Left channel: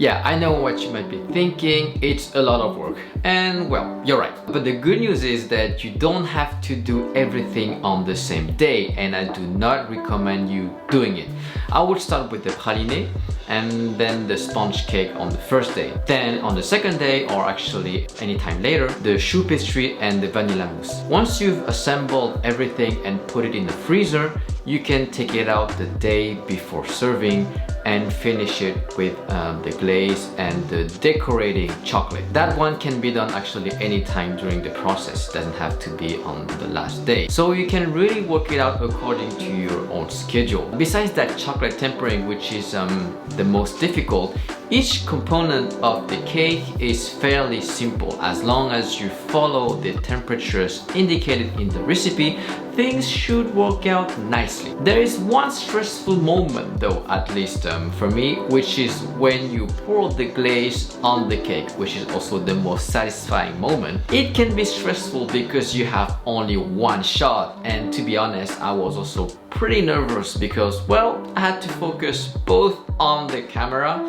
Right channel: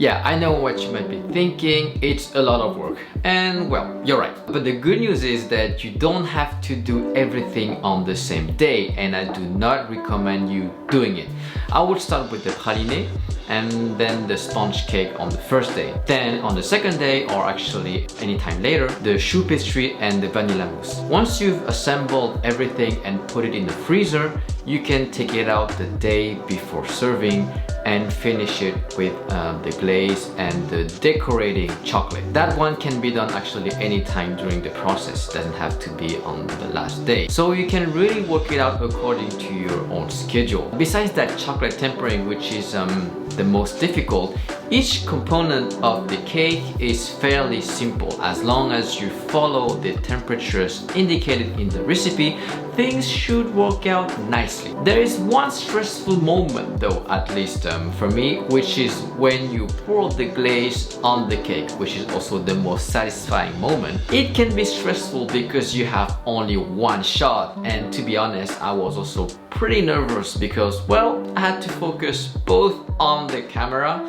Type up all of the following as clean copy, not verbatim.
Yeah, I know what you might be thinking, it's a lot of work. And well, you're right. But the good news is that you don't have to do everything on the same day, and I do not recommend you doing it. I would start with the praline and then the sponge cake on the first day. Then on the second day, or actually anytime later, the choux pastry and the vanilla mousse. Once you've assembled everything and put it in the freezer, you can take it out the day before serving and finish it with the glaze and the decorating chocolate. That one can be done actually anytime during the process. It doesn't have to be on the last day. So you can really work it out according to your own schedule. Besides that chocolate tempering, which is the most difficult, each component of the cake is fairly simple. As long as you follow the temperatures indicated in the recipe, things should work out nicely. There is one stressful moment though, at least for me, which is when you pour the glaze on the cake, which is also the most satisfying moment. It can be stressful because you have only one shot, and to be honest, I was also pretty nervous because, well, I had to focus both on the camera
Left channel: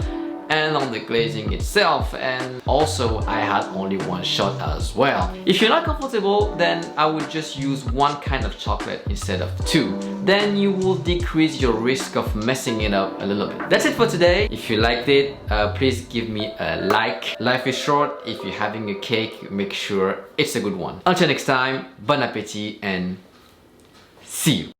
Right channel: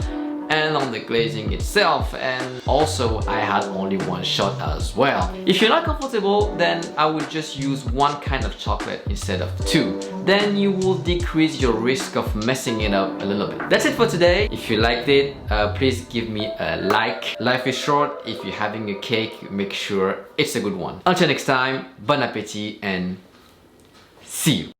and on the glazing itself, and also I had only one shot as well. If you're not comfortable, then I would just use one kind of chocolate instead of two. Then you will decrease your risk of messing it up a little bit. That's it for today. If you liked it, please give me a like. Life is short. If you're having a cake, make sure it's a good one. Until next time, bon appétit and see you.